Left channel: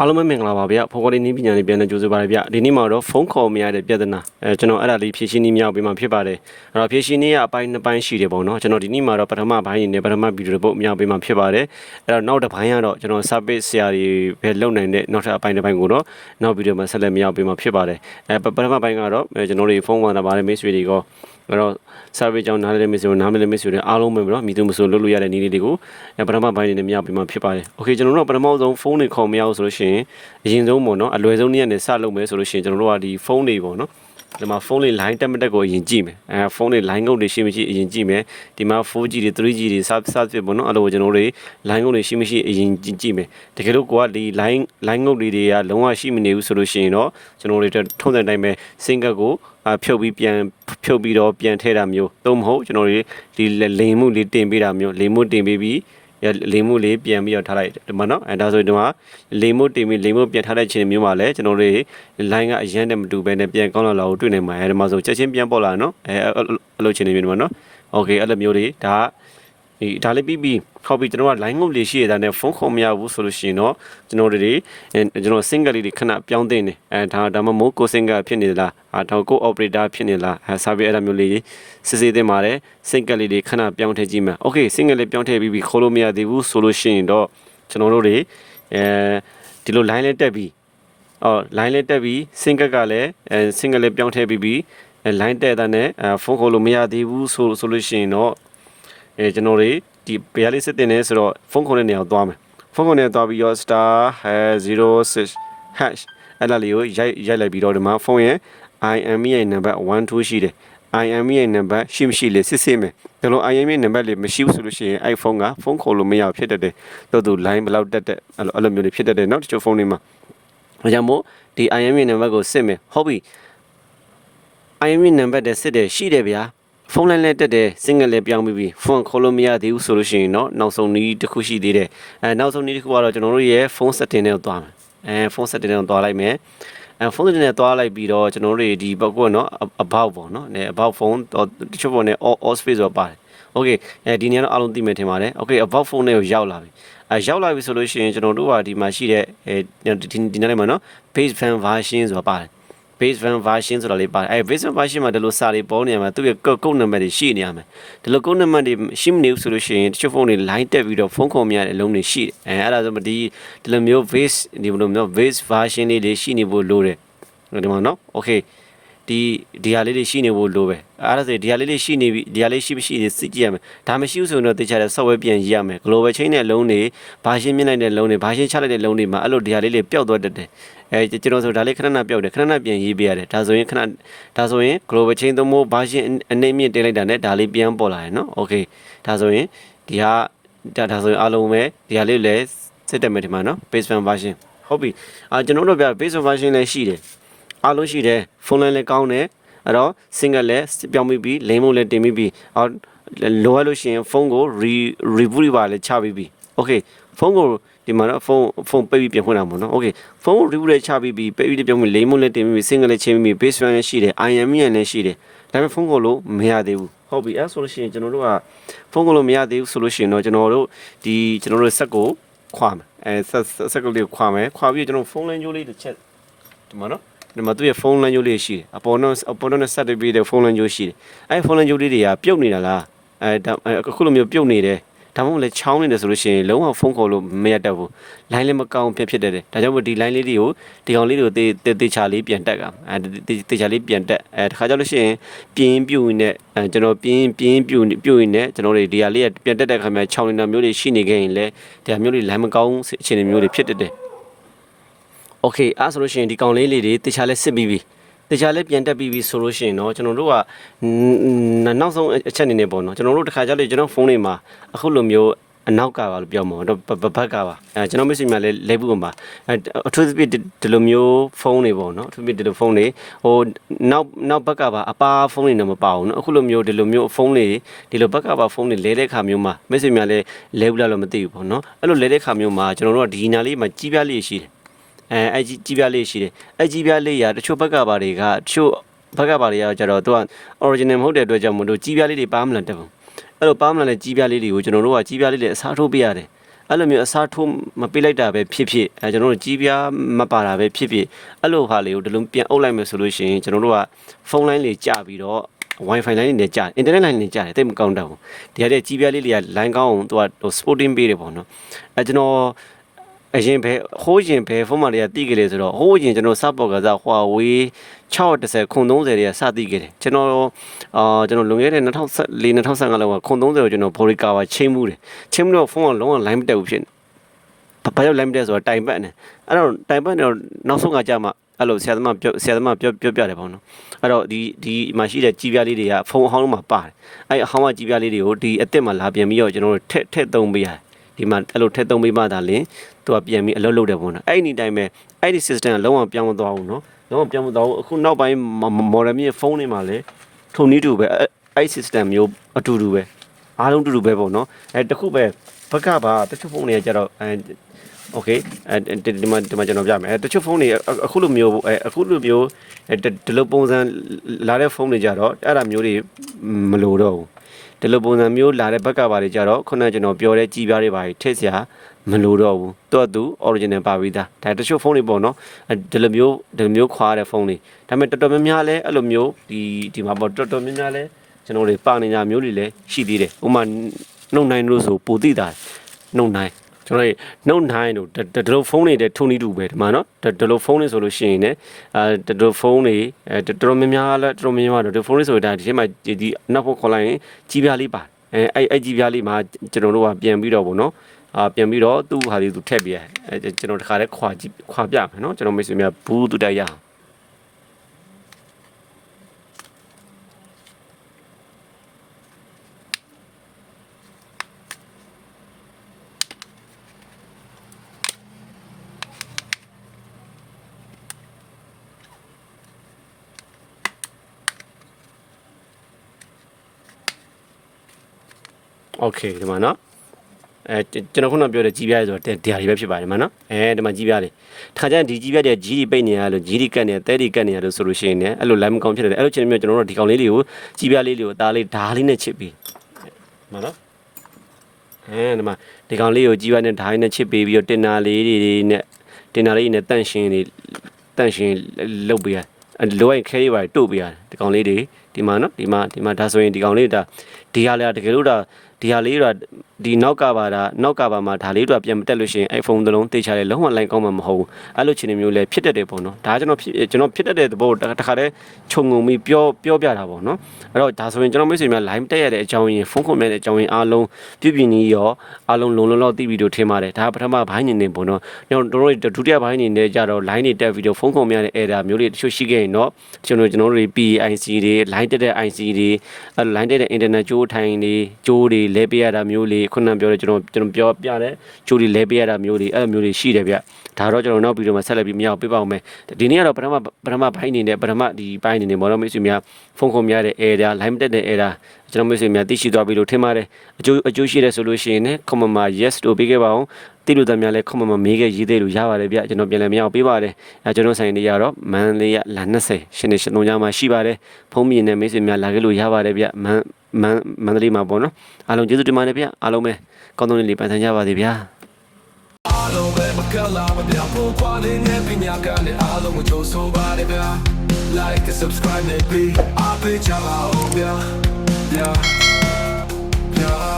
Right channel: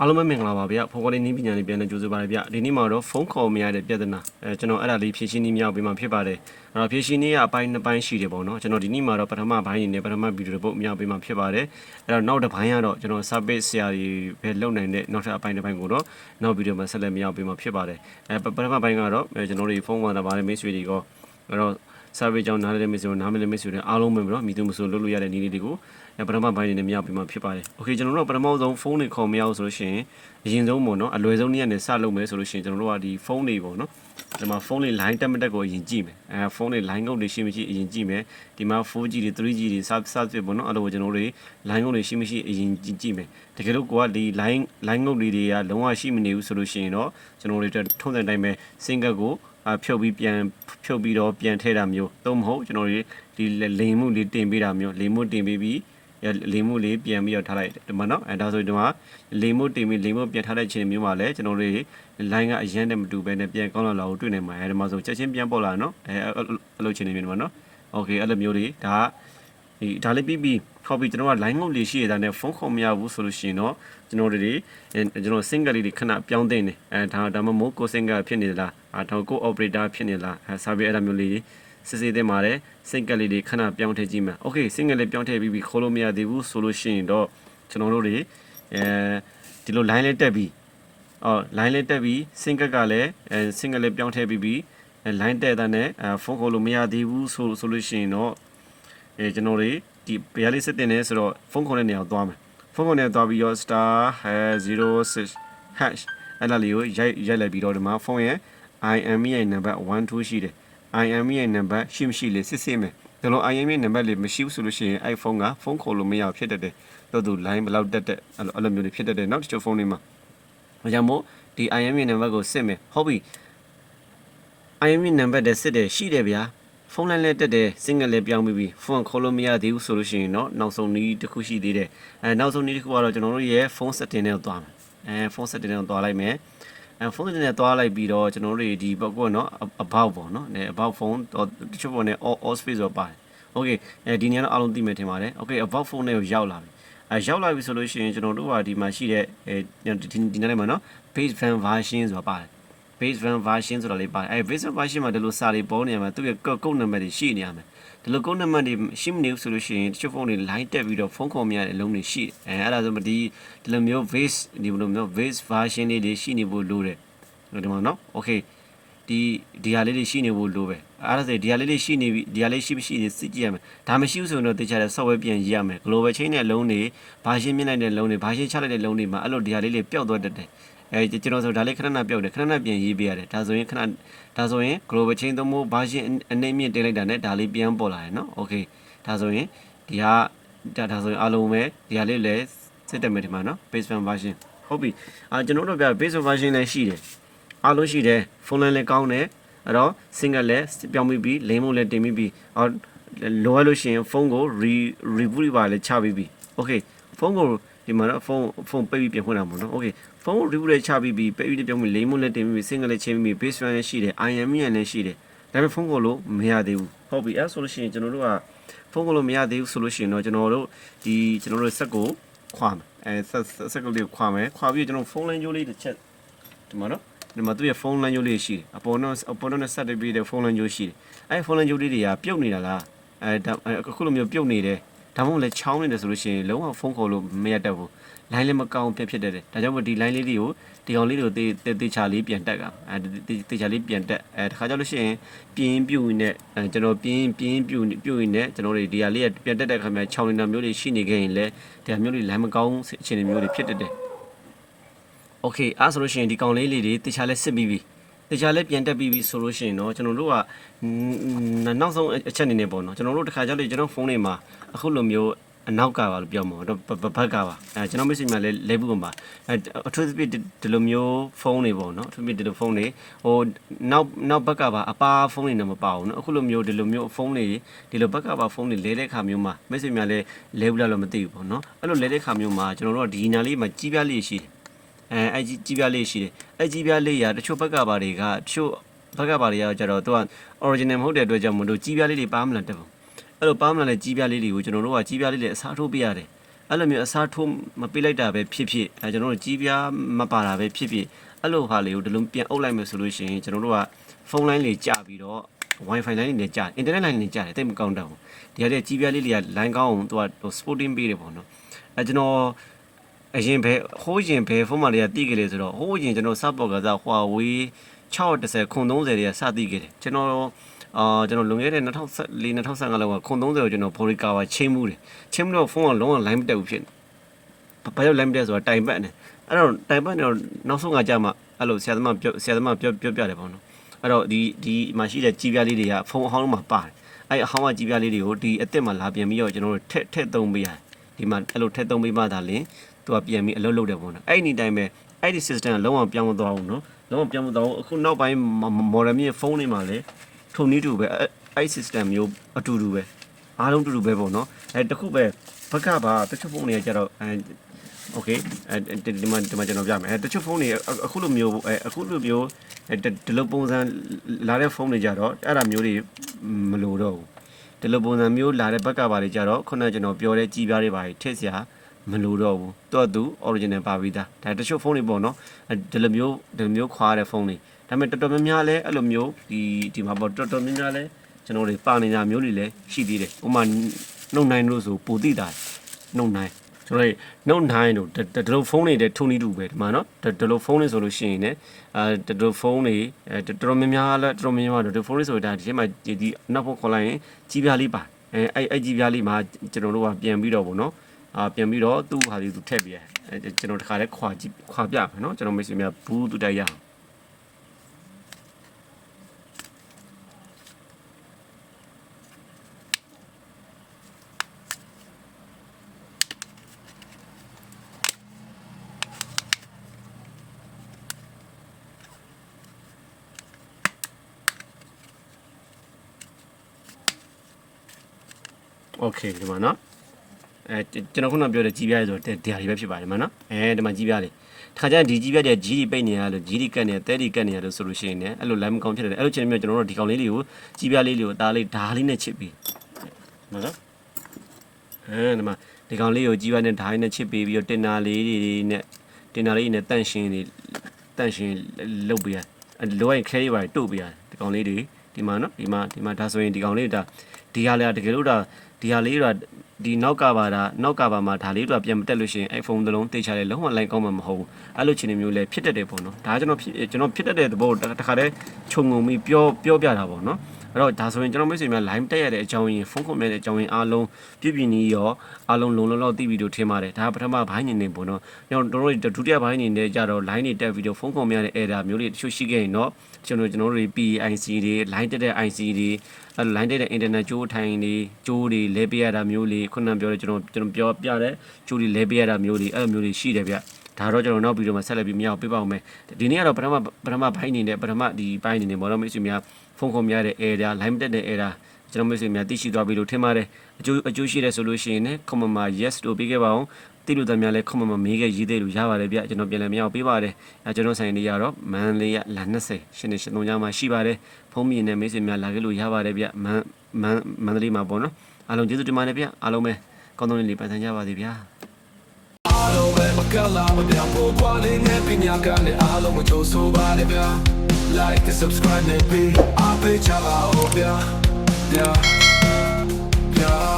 အားလုံးပဲမင်္ဂလာပါဗျဖော်ကော်ဒီနည်းပညာလေးပြန်နေကြိုးစားပါရဗျဒီနေ့မှာတော့ဖုန်းခေါ်မရတဲ့ပြဿနာအဲကျွန်တော်အဲ့ဒါလေးဖြည့်ရှင်းနည်းမြောက်ပေးမှာဖြစ်ပါတယ်အဲ့တော့ဖြည့်ရှင်းနည်းကအပိုင်းနှစ်ပိုင်းရှိတယ်ပေါ့နော်ကျွန်တော်ဒီနေ့မှာတော့ပထမပိုင်းနေနဲ့ပထမဗီဒီယိုပုတ်မြောက်ပေးမှာဖြစ်ပါတယ်အဲ့တော့နောက်တစ်ပိုင်းကတော့ကျွန်တော် service ဆရာတွေပဲလုပ်နိုင်တဲ့နောက်ထပ်အပိုင်းတစ်ပိုင်းကိုတော့နောက်ဗီဒီယိုမှာဆက်လက်မြောက်ပေးမှာဖြစ်ပါတယ်အဲပထမပိုင်းကတော့အဲကျွန်တော်တို့ဖုန်းဝင်လာပါတယ်မိတ်ဆွေတွေက အဲ့တော့ service ကြောင့်နားလည်တဲ့မိတ်ဆွေတို့နားမလည်မိတ်ဆွေတွေအားလုံးပဲပေါ့နော်မိသူမဆိုလုပ်လို့ရတဲ့နည်းလေးတွေကိုအဲပထမပိုင်းနေနဲ့မြောက်ပေးမှာဖြစ်ပါတယ်โอเคကျွန်တော်တို့ကပထမဆုံးဖုန်းတွေခေါ်မရအောင်ဆိုလို့ရှိရင်အရင်ဆုံးပေါ့နော်အလွယ်ဆုံးနည်းနဲ့စလုပ်မယ်ဆိုလို့ရှိရင်ကျွန်တော်တို့ကဒီဖုန်းတွေပေါ့နော်ဒီမှာဖုန်းလေး line တက်မတက်ကိုအရင်ကြည့်မယ်အဲဖုန်းလေး line ကုတ်တွေရှိမရှိအရင်ကြည့်မယ်ဒီမှာ 4G တွေ 3G တွေ sub sub ဖြစ်ပေါ့နော်အဲ့လိုကျွန်တော်တို့တွေ line ကုတ်တွေရှိမရှိအရင်ကြည့်ကြည့်မယ်တကယ်လို့ကိုကဒီ line line ကုတ်တွေတွေကလုံးဝရှိမနေဘူးဆိုလို့ရှိရင်တော့ကျွန်တော်တို့တွေထုံးတဲ့တိုင်းပဲ single ကိုအဖြုတ်ပြီးပြန် ဖြုတ်ပြီးတော့ပြန်ထည့်တာမျိုးသို့မဟုတ်ကျွန်တော်တို့ဒီလိမ်မှုလေးတင်ပေးတာမျိုးလိမ်မှုတင်ပေးပြီးလိမ်မှုလေးပြန်ပြီးတော့ထားလိုက်ဒီမှာနော်အဲဒါဆိုဒီမှာလိမ်မှုတင်ပြီးလိမ်မှုပြန်ထားတဲ့ချိန်မျိုးမှာလည်းကျွန်တော်တို့ line ကအရန်နဲ့မတူဘဲနဲ့ပြန်ကောင်းလာလာကိုတွေ့နေမှာအဲဒီမှာဆိုချက်ချင်းပြန်ပေါ်လာနော်အဲအဲ့လိုချိန်နေမျိုးဒီမှာနော်โอเคအဲ့လိုမျိုးတွေဒါ ဒီဒါလေးပြီးပြီးခေါ်ပြီးကျွန်တော်က line ငုတ်လေးရှိရတဲ့နဲ့ဖုန်းခေါ်မရဘူးဆိုလို့ရှိရင်တော့ကျွန်တော်တို့တွေကျွန်တော် single လေးတွေခဏပြောင်းတင်နေအဲဒါဒါမှမဟုတ်ကို single ဖြစ်နေသလားအာဒါကို operator ဖြစ်နေလားအဲ service အဲ့လိုမျိုးလေးစစ်စစ်တင်ပါတယ် single လေးတွေခဏပြောင်းထည့်ကြည့်မယ် okay single လေးပြောင်းထည့်ပြီးပြီးခေါ်လို့မရသေးဘူးဆိုလို့ရှိရင်တော့ကျွန်တော်တို့တွေအဲဒီလို line လေးတက်ပြီးအော် line လေးတက်ပြီး single ကလည်းအဲ single လေးပြောင်းထည့်ပြီးပြီးအဲ line တက်တဲ့နဲ့အဲဖုန်းခေါ်လို့မရသေးဘူးဆိုဆိုလို့ရှိရင်တော့ အဲကျွန်တော်တွေဒီဘယ်လေးစစ်တင်နေဆိုတော့ဖုန်းခေါ်တဲ့နေရာကိုသွားမယ်ဖုန်းခေါ်နေသွားပြီးတော့ star 06 hash အဲ့ဒါလေးကိုရိုက်ရိုက်လိုက်ပြီးတော့ဒီမှာဖုန်းရဲ့ IME ရဲ့ number 1 2ရှိတယ် IME ရဲ့ number ရှိမရှိလေစစ်စစ်မယ်ဒါလို့ IME ရဲ့ number လေးမရှိဘူးဆိုလို့ရှိရင် iPhone ကဖုန်းခေါ်လို့မရဖြစ်တတ်တယ်တော်သူ line ဘယ်လောက်တက်တက်အဲ့လိုအဲ့လိုမျိုးတွေဖြစ်တတ်တယ်เนาะတချို့ဖုန်းတွေမှာဒါကြောင့်မို့ဒီ IME number ကိုစစ်မယ်ဟုတ်ပြီ IME number တဲ့စစ်တယ်ရှိတယ်ဗျာ ဖုန်းလိုင်းလဲတက်တယ်စင်ငယ်လဲပြောင်းပြီးပြီဖုန်းခေါ်လို့မရသေးဘူးဆိုလို့ရှိရင်တော့နောက်ဆုံးနည်းတစ်ခုရှိသေးတယ်အဲနောက်ဆုံးနည်းတစ်ခုကတော့ကျွန်တော်တို့ရဲ့ဖုန်း setting နဲ့သွားမယ်အဲဖုန်း setting နဲ့သွားလိုက်မယ်အဲဖုန်းတင်နဲ့သွားလိုက်ပြီးတော့ကျွန်တော်တို့ဒီဘက်ကနော် about ပေါ့နော်အဲ about phone တော့တချို့ပေါ့နဲ့ all all space ဆိုပါတယ် okay အဲဒီနေရာတော့အားလုံးသိမယ်ထင်ပါတယ် okay about phone နဲ့ရောက်လာပြီအဲရောက်လာပြီဆိုလို့ရှိရင်ကျွန်တော်တို့ကဒီမှာရှိတဲ့အဲဒီဒီနေ့မှာနော် page fan version ဆိုတာပါတယ် base van version ဆိုတာလေးပါတယ်အဲ base van version မှာဒီလိုစာတွေပေါ်နေရမှာသူ့ရဲ့ကုတ်နံပါတ်တွေရှိနေရမယ်ဒီလိုကုတ်နံပါတ်တွေရှိမနေဘူးဆိုလို့ရှိရင်တချို့ဖုန်းတွေ line တက်ပြီးတော့ဖုန်းခေါ်မရတဲ့အလုံးတွေရှိတယ်အဲအဲ့ဒါဆိုမဒီဒီလိုမျိုး base ဒီလိုမျိုး base version လေးတွေရှိနေဖို့လိုတယ်ဒီမှာနော် okay ဒီဒီဟာလေးတွေရှိနေဖို့လိုပဲအဲ့ဒါဆိုဒီဟာလေးတွေရှိနေပြီဒီဟာလေးရှိမရှိတွေစစ်ကြည့်ရမယ်ဒါမရှိဘူးဆိုရင်တော့တေချာတဲ့ software ပြန်ရေးရမယ် global chain နဲ့လုံးတွေဘာရှင်းမြင့်လိုက်တဲ့လုံးတွေဘာရှင်းချလိုက်တဲ့လုံးတွေမှာအဲ့လိုဒီဟာလေးတွေပျောက်သွားတတ်တယ်အဲကျွန်တော်ဆိုဒါလေးခဏခဏပျောက်တယ်ခဏခဏပြန်ရေးပေးရတယ်ဒါဆိုရင်ခဏဒါဆိုရင် global chain သုံးဖို့ဘာရှင်းအနေမြင့်တင်လိုက်တာနဲ့ဒါလေးပြန်ပေါ်လာတယ်နော် okay ဒါဆိုရင်ဒီဟာဒါဒါဆိုရင်အားလုံးပဲဒီဟာလေးလည်းစစ်တက်မယ်ဒီမှာနော် base one version ဟုတ်ပြီအာကျွန်တော်တို့ပြ base one version လည်းရှိတယ် အားလုံးရှိတယ်ဖုန်းလည်းလည်းကောင်းတယ်အဲ့တော့ single လည်းပြောင်းပြီးပြီး lane မို့လည်းတင်ပြီးပြီးအော်လိုရလို့ရှိရင်ဖုန်းကို re reboot ပါလည်းချပြီးပြီး okay ဖုန်းကိုဒီမှာတော့ဖုန်းဖုန်းပိတ်ပြီးပြန်ဖွင့်တာပေါ့နော်။ Okay ဖုန်း reboot လေးချပြီးပြီးပိတ်ပြီးပြောင်းပြီး lane mode လည်းတင်ပြီး single လည်းချင်းပြီး base run လည်းရှိတယ် IME လည်းရှိတယ်။ဒါပေမဲ့ဖုန်းကိုလို့မရသေးဘူး။ဟုတ်ပြီအဲဆိုလို့ရှိရင်ကျွန်တော်တို့ကဖုန်းကိုလို့မရသေးဘူးဆိုလို့ရှိရင်တော့ကျွန်တော်တို့ဒီကျွန်တော်တို့ဆက်ကိုခွာမယ်။အဲဆက်ဆက်ကလေးကိုခွာမယ်။ခွာပြီးကျွန်တော်ဖုန်းလိုင်းကြိုးလေးတစ်ချက်ဒီမှာနော် ဒီမှာသူ့ရဲ့ဖုန်းလိုင်းကြိုးလေးရှိတယ်။အပေါ်တော့အပေါ်တော့ဆက်ပြီးတဲ့ဖုန်းလိုင်းကြိုးရှိတယ်။အဲဖုန်းလိုင်းကြိုးလေးတွေကပြုတ်နေတာလား။အဲအခုလိုမျိုးပြုတ်နေတယ်။ဒါမှမဟုတ်လည်းချောင်းနေတယ်ဆိုလို့ရှိရင်လုံးဝဖုန်းခေါ်လို့မရတတ်ဘူး။ line လည်းမကောင်းဖြစ်ဖြစ်တတ်တယ်။ဒါကြောင့်မို့ဒီ line လေးတွေကိုဒီကောင်လေးတွေကိုတေးတေးချာလေးပြန်တက်ကအဲတေးချာလေးပြန်တက်အဲတခါကြောင့်လို့ရှိရင်ပြင်းပြူနေအဲကျွန်တော်ပြင်းပြင်းပြူပြူနေကျွန်တော်တွေဒီဟာလေးကပြန်တက်တဲ့ခါမှာချောင်းနေတာမျိုးတွေရှိနေခဲ့ရင်လည်းဒီဟာမျိုးတွေ line မကောင်းအခြေအနေမျိုးတွေဖြစ်တတ်တယ်။ Okay အဲဆိုလို့ရှိရင်ဒီကောင်လေးလေးတွေတေးချာလေးစစ်ပြီးပြီ။တခြားလည်းပြန်တက်ပြီးပြီဆိုလို့ရှိရင်တော့ကျွန်တော်တို့ကနောက်ဆုံးအချက်အနေနဲ့ပေါ့နော်ကျွန်တော်တို့တခါကြလေကျွန်တော်ဖုန်းတွေမှာအခုလိုမျိုးအနောက်ကပါလို့ပြောမှာတော့ဘဘက်ကပါအဲကျွန်တော်မရှိမှလည်းလဲဘူးပါအဲအထူးသဖြင့်ဒီလိုမျိုးဖုန်းတွေပေါ့နော်အထူးသဖြင့်ဒီလိုဖုန်းတွေဟိုနောက်နောက်ဘက်ကပါအပါဖုန်းတွေတော့မပါဘူးနော်အခုလိုမျိုးဒီလိုမျိုးဖုန်းတွေဒီလိုဘက်ကပါဖုန်းတွေလဲတဲ့ခါမျိုးမှာမရှိမှလည်းလဲဘူးလားလို့မသိဘူးပေါ့နော်အဲ့လိုလဲတဲ့ခါမျိုးမှာကျွန်တော်တို့ကဒီနာလေးမှာကြီးပြားလေးရှိတယ် အဲအဲကြီးကြီးပြားလေးရှိတယ်အဲကြီးပြားလေးရာတချို့ဘက်ကပါတွေကတချို့ဘက်ကပါတွေကကျတော့သူက original မဟုတ်တဲ့အတွက်ကြောင့်မလို့ကြီးပြားလေးတွေပါမလာတက်ဘူးအဲ့လိုပါမလာတဲ့ကြီးပြားလေးတွေကိုကျွန်တော်တို့ကကြီးပြားလေးတွေအစားထိုးပေးရတယ်အဲ့လိုမျိုးအစားထိုးမပေးလိုက်တာပဲဖြစ်ဖြစ်အဲကျွန်တော်တို့ကြီးပြားမပါတာပဲဖြစ်ဖြစ်အဲ့လိုဟာလေးကိုဒီလိုပြန်အုပ်လိုက်မယ်ဆိုလို့ရှိရင်ကျွန်တော်တို့ကဖုန်းလိုင်းလေးကြပြီးတော့ wifi line တွေနဲ့ကြာ internet line တွေကြာတယ်တိတ်မကောင်းတော့ဘူးဒီဟာတဲ့ကြီးပြားလေးတွေက line ကောင်းအောင်သူကဟို sporting ပေးတယ်ပေါ့နော်အဲကျွန်တော် အရင်ဘယ်ဟိုးရင်ဘယ်ဖုန်းမတွေကတိခဲ့လေဆိုတော့ဟိုးရင်ကျွန်တော်စပေါ်ကစား Huawei 610ခုံ30တွေကစတိခဲ့တယ်ကျွန်တော်အာကျွန်တော်လွန်ခဲ့တဲ့2014 2015လောက်ကခုံ30ကိုကျွန်တော် Boricawa ချိန်မှုတယ်ချိန်မှုတော့ဖုန်းကလုံးဝ line မတက်ဘူးဖြစ်နေဘာလို့ line မတက်ဆိုတော့တိုင်ပတ်နေအဲ့တော့တိုင်ပတ်နေတော့နောက်ဆုံးကကြာမှအဲ့လိုဆရာသမားပြောဆရာသမားပြောပြောပြတယ်ပေါ့နော်အဲ့တော့ဒီဒီမှာရှိတဲ့ကြီးပြားလေးတွေကဖုန်းအဟောင်းလုံးမှာပါတယ်အဲ့အဟောင်းကကြီးပြားလေးတွေကိုဒီအစ်စ်မှာလာပြန်ပြီးတော့ကျွန်တော်တို့ထက်ထက်သုံးပေးရတယ်ဒီမှာအဲ့လိုထက်သုံးပေးမှသာလင် သူကပြန်ပြီးအလုပ်လုပ်တယ်ပေါ့နော်အဲ့ဒီအတိုင်းပဲအဲ့ဒီ system ကလုံးဝပြောင်းမသွားဘူးနော်လုံးဝပြောင်းမသွားဘူးအခုနောက်ပိုင်း modern မြေဖုန်းတွေမှာလည်းထုံနည်းတူပဲအဲ့ system မျိုးအတူတူပဲအားလုံးတူတူပဲပေါ့နော်အဲတခုပဲဘက်ကပါတချို့ဖုန်းတွေကကျတော့အဲ okay အဲဒီဒီမှာဒီမှာကျွန်တော်ပြမယ်အဲတချို့ဖုန်းတွေအခုလိုမျိုးအဲအခုလိုမျိုးဒီလိုပုံစံလာတဲ့ဖုန်းတွေကြတော့အဲ့ဒါမျိုးတွေမလိုတော့ဘူးဒီလိုပုံစံမျိုးလာတဲ့ဘက်ကပါတွေကြတော့ခုနကကျွန်တော်ပြောတဲ့ကြည်ပြားတွေပါထည့်စရာ မလိုတော့ဘူးသူကသူ original ပါပြီးသားဒါတချို့ဖုန်းတွေပေါ့နော်ဒီလိုမျိုးဒီလိုမျိုးခွာတဲ့ဖုန်းတွေဒါပေမဲ့တော်တော်များများလဲအဲ့လိုမျိုးဒီဒီမှာပေါ့တော်တော်များများလဲကျွန်တော်တွေပါနေတာမျိုးတွေလည်းရှိသေးတယ်ဥပမာနှုတ်နိုင်လို့ဆိုပိုတိတာနှုတ်နိုင်ကျွန်တော်တို့ Note 9တို့ဒီလိုဖုန်းတွေတဲ့ထုံနေတူပဲဒီမှာနော်ဒီလိုဖုန်းတွေဆိုလို့ရှိရင်လည်းအဲဒီလိုဖုန်းတွေအဲတော်တော်များများလဲတော်တော်များများတော့ဒီဖုန်းတွေဆိုတာဒီထဲမှာဒီနောက်ဖို့ခေါ်လိုက်ရင်ကြီးပြားလေးပါအဲအဲ့အဲ့ကြီးပြားလေးမှာကျွန်တော်တို့ကပြန်ပြီးတော့ဗောနော် အာပြန်ပြီးတော့သူ့ဟာလေးသူထည့်ပြရအဲကျွန်တော်တခါလဲခွာကြည့်ခွာပြမယ်နော်ကျွန်တော်မိတ်ဆွေများဘူးတူတိုက်ရအောင် โอเคဒီမှာနော် အဲကျွန်တော်ခုနပြောတဲ့ကြီးပြားလေးဆိုတော့တရားတွေပဲဖြစ်ပါတယ်မနော်အဲဒီမှာကြီးပြားလေးတခါကျရင်ဒီကြီးပြားတွေကြီးတွေပိတ်နေရလို့ကြီးတွေကတ်နေတဲတွေကတ်နေရလို့ဆိုလို့ရှိရင်လည်းအဲ့လို line မကောင်းဖြစ်တယ်အဲ့လိုချင်းမျိုးကျွန်တော်တို့ဒီကောင်လေးတွေကိုကြီးပြားလေးတွေကိုအသားလေးဓာလေးနဲ့ချစ်ပြီးမနော်အဲဒီမှာဒီကောင်လေးကိုကြီးပြားနဲ့ဓာလေးနဲ့ချစ်ပေးပြီးတော့တင်နာလေးတွေနဲ့တင်နာလေးနဲ့တန့်ရှင်းတွေတန့်ရှင်းလုပ်ပေးရလိုရင်ခဲရပါတို့ပေးရတယ်ဒီကောင်လေးတွေဒီမှာနော်ဒီမှာဒီမှာဒါဆိုရင်ဒီကောင်လေးဒါဒီဟာလေတကယ်လို့ဒါဒီဟာလေးတော့ဒီနောက်ကပါတာနောက်ကပါမှာဒါလေးတော့ပြန်မတက်လို့ရှိရင် iPhone တစ်လုံးတေချာလေလုံးဝ line ကောင်းမှာမဟုတ်ဘူးအဲ့လိုချင်နေမျိုးလဲဖြစ်တတ်တယ်ပေါ့နော်ဒါကျွန်တော်ကျွန်တော်ဖြစ်တတ်တဲ့သဘောတခါတည်းခြုံငုံပြီးပြောပြောပြတာပေါ့နော်အဲ့တော့ဒါဆိုရင်ကျွန်တော်မိတ်ဆွေများ line တက်ရတဲ့အကြောင်းရင်းဖုန်းခွန်မြတဲ့အကြောင်းရင်းအားလုံးပြပြနီးရောအားလုံးလုံလုံလောက်သိပြီးတော့ထင်ပါတယ်ဒါပထမဘိုင်းနေနေပေါ့နော်ကျွန်တော်တို့ဒုတိယဘိုင်းနေနေကြတော့ line တွေတက်ပြီးတော့ဖုန်းခွန်မြတဲ့ error မျိုးတွေတချို့ရှိခဲ့ရင်တော့ကျွန်တော်ကျွန်တော်တို့ PIC တွေ line တက်တဲ့ IC တွေအဲ့ line တက်တဲ့ internet ကြိုးထိုင်တွေကြိုးတွေလဲပေးရတာမျိုးလေးခုနပြောတဲ့ကျွန်တော်ကျွန်တော်ပြောပြတဲ့ကြိုးတွေလဲပေးရတာမျိုးတွေအဲ့လိုမျိုးတွေရှိတယ်ဗျဒါတော့ကျွန်တော်နောက်ဗီဒီယိုမှာဆက်လက်ပြီးမရအောင်ပြပါအောင်မယ်ဒီနေ့ကတော့ပထမပထမဘိုင်းနေနဲ့ပထမဒီဘိုင်းနေနဲ့ဘောတော့မိတ်ဆွေများဖုန်းခုံများတဲ့ error line တက်တဲ့ error ကျွန်တော်မိတ်ဆွေများသိရှိသွားပြီလို့ထင်ပါတယ်အကျိုးအကျိုးရှိတဲ့ဆိုလို့ရှိရင်လည်း comment မှာ yes လို့ပေးခဲ့ပါအောင်တိလို့တမ်းများလဲ comment မှာမေးခဲ့ရေးသေးလို့ရပါတယ်ဗျကျွန်တော်ပြန်လည်မရအောင်ပေးပါတယ်အဲကျွန်တော်ဆိုင်နေရတော့မန်လေးရလာ20ရှင်းနေရှင်းလုံးကြမှာရှိပါတယ်ဖုန်းမြင်တဲ့မိတ်ဆွေများလာခဲ့လို့ရပါတယ်ဗျမန်မန်မန်လေးမှာပေါ့နော် အားလုံးကျေးဇူးတင်ပါတယ်ဗျအားလုံးပဲကောင်းသောနေ့လေးပန်ဆန်းကြပါစေဗျာအားလုံးပဲမကလာမပြဖို့ကွာလေးနဲ့ပညာကနဲ့အားလုံးကိုကြိုးဆိုပါလေဗျာ like and subscribe နဲ့ပြီးအားပေးကြပါဦးဗျာ yeah yeah